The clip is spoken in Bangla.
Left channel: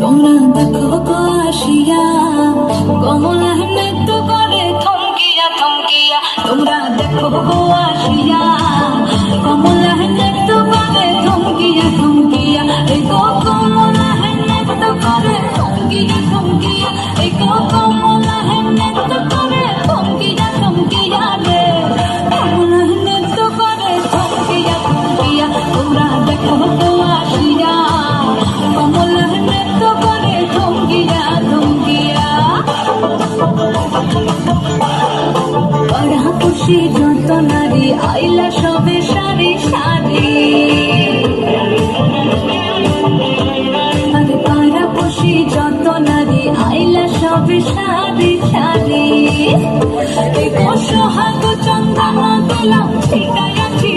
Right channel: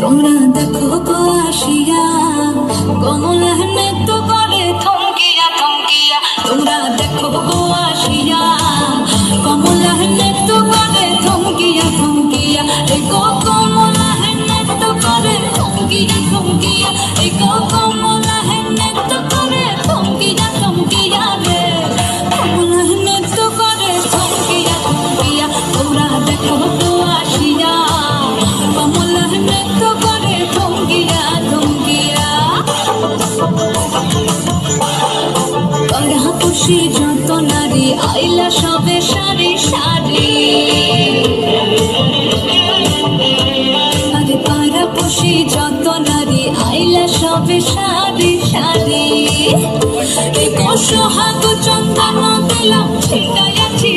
তোমরা দেখো গো আসিয়া কমলা নৃত্য করে থমকিয়া থমকিয়া। তোমরা দেখো গো আসিয়া কমলা নৃত্য করে থমকিয়া থমকিয়া। এই গো কমলা নৃত্য করে থমকিয়া থমকিয়া। এই গো কমলা নৃত্য করে থমকিয়া থমকিয়া রে। কমলা নৃত্য করে থমকিয়া থমকিয়া। তোমরা দেখো গো আসিয়া কমলা নৃত্য করে থমকিয়া থমকিয়া। পাড়াপড়শি যত নারী আইলা সবে সারি সারি। আরে পাড়াপড়শি যত নারী আইলা সবে সারি সারি। এই সোহাগ চন্দন দিলাম ছিটাইয়াছি